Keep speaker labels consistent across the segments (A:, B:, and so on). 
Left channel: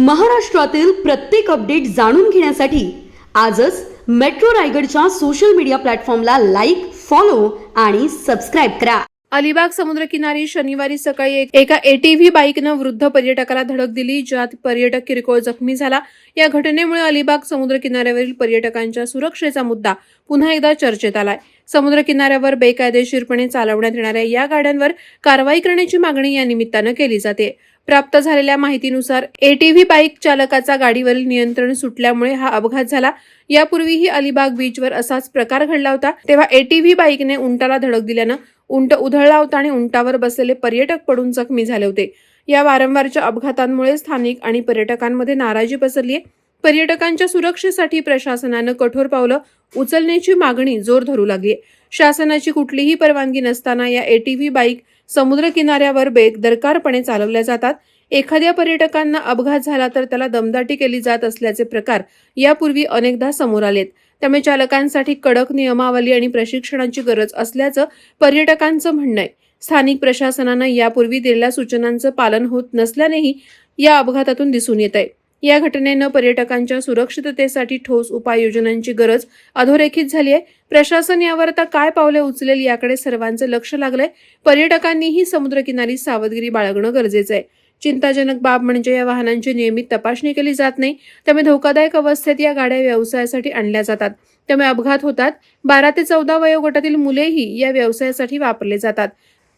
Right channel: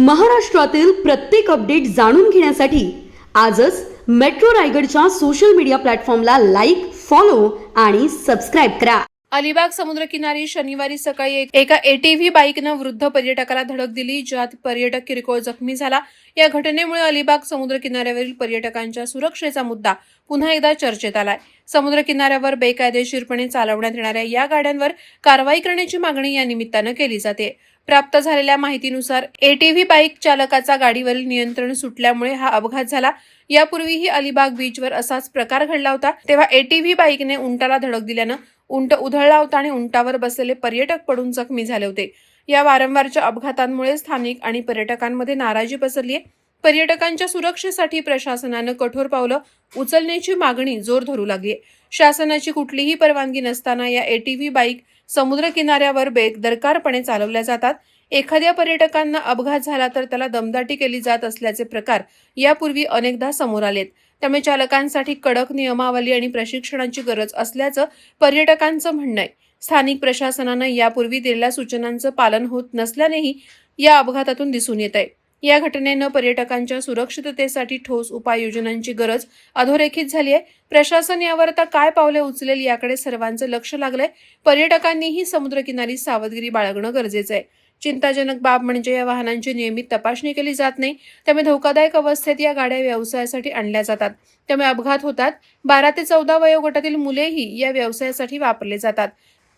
A: महाराष्ट्रातील प्रत्येक अपडेट जाणून घेण्यासाठी आजच मेट्रो रायगडच्या सोशल मीडिया प्लॅटफॉर्मला लाईक फॉलो आणि सबस्क्राईब करा.
B: अलिबाग समुद्रकिनारी शनिवारी सकाळी एक- एका एटीव्ही बाईकनं वृद्ध पर्यटकाला धडक दिली ज्यात पर्यटक किरकोळ जखमी झाला. या घटनेमुळे अलिबाग समुद्र किनाऱ्यावरील पर्यटकांच्या सुरक्षेचा मुद्दा पुन्हा एकदा चर्चेत आलाय. समुद्रकिनाऱ्यावर बेकायदेशीरपणे चालवण्यात येणाऱ्या या गाड्यांवर कारवाई करण्याची मागणी या निमित्तानं केली जाते. प्राप्त झालेल्या माहितीनुसार एटीव्ही बाईक चालकाचा गाडीवरील नियंत्रण सुटल्यामुळे हा अपघात झाला. यापूर्वीही अलिबाग बीचवर असाच प्रकार घडला होता. तेव्हा एटीव्ही बाईकने उंटाला धडक दिल्यानं उंट उधळला होता आणि उंटावर बसलेले पर्यटक पडून जखमी झाले होते. या वारंवारच्या अपघातांमुळे स्थानिक आणि पर्यटकांमध्ये नाराजी पसरली आहे पर्यटकांच्या सुरक्षेसाठी प्रशासनानं कठोर पावलं उचलण्याची मागणी जोर धरू लागली. आहे. शासनाची कुठलीही परवानगी नसताना या एटीव्ही बाईक समुद्र किनाऱ्यावर बेदरकारपणे चालवल्या जातात. एखाद्या पर्यटकांना अपघात झाला तर त्याला दमदाटी केली जात असल्याचे प्रकार यापूर्वी अनेकदा समोर आलेत. त्यामुळे चालकांसाठी कडक नियमावली आणि प्रशिक्षणाची गरज असल्याचं पर्यटकांचं म्हणणं आहे. स्थानिक प्रशासनानं यापूर्वी दिलेल्या सूचनांचं पालन होत नसल्यानेही या अपघातातून दिसून येत आहे. या घटनेनं पर्यटकांच्या सुरक्षिततेसाठी ठोस उपाययोजनांची गरज अधोरेखित झाली आहे. प्रशासन यावर आता काय पावले उचलेल याकडे सर्वांचं लक्ष लागलंय. पर्यटकांनीही समुद्रकिनारी सावधगिरी बाळगणं गरजेचं आहे. चिंताजनक बाब म्हणजे या वाहनांची नियमित तपासणी केली जात नाही. त्यामुळे धोकादायक अवस्थेत या गाड्या व्यवसायासाठी आणल्या जातात. त्यामुळे अपघात होतात. बारा ते चौदा वयोगटातील मुलेही या व्यवसायासाठी वापरले जातात.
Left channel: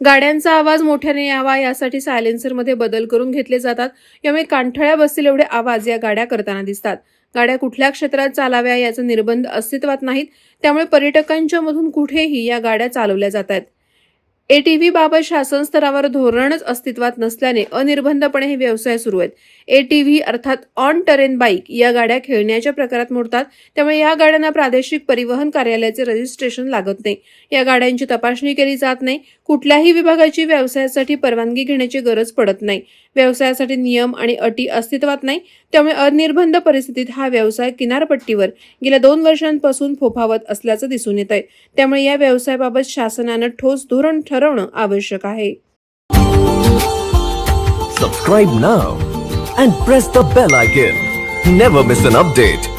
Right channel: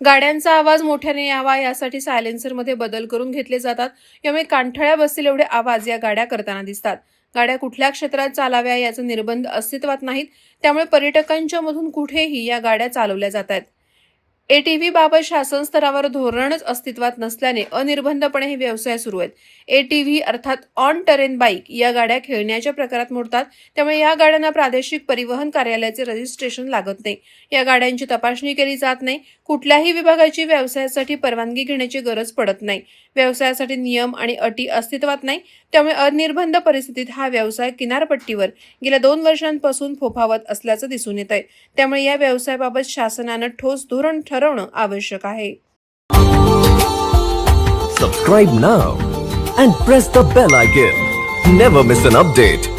B: गाड्यांचा आवाज मोठ्याने यावा यासाठी सायलेन्सरमध्ये बदल करून घेतले जातात. यामुळे कांठळ्या बसतील एवढे आवाज या गाड्या करताना दिसतात. गाड्या कुठल्या क्षेत्रात चालाव्या याचा निर्बंध अस्तित्वात नाहीत. त्यामुळे पर्यटकांच्या मधून कुठेही या गाड्या चालवल्या जात आहेत. एटीव्ही बाबत शासन स्तरावर धोरणच अस्तित्वात नसल्याने अनिर्बंधपणे हे व्यवसाय सुरू आहेत. एटीव्ही अर्थात ऑन टरेन बाईक या गाड्या खेळण्याच्या प्रकारात मोडतात. त्यामुळे या गाड्यांना प्रादेशिक परिवहन कार्यालयाचे रजिस्ट्रेशन लागत नाही. या गाड्यांची तपासणी केली जात नाही. कुठल्याही विभागाची व्यवसायासाठी परवानगी घेण्याची गरज पडत नाही. व्यवसायासाठी नियम आणि अटी अस्तित्वात नाही. त्यामुळे अनिर्बंध परिस्थितीत हा व्यवसाय किनारपट्टीवर गेल्या दोन वर्षांपासून फोफावत असल्याचं दिसून येत आहे त्यामुळे या व्यवसायाबाबत शासनानं ठोस धोरण ठरवणं आवश्यक आहे.
C: Subscribe now and press the bell icon never miss an update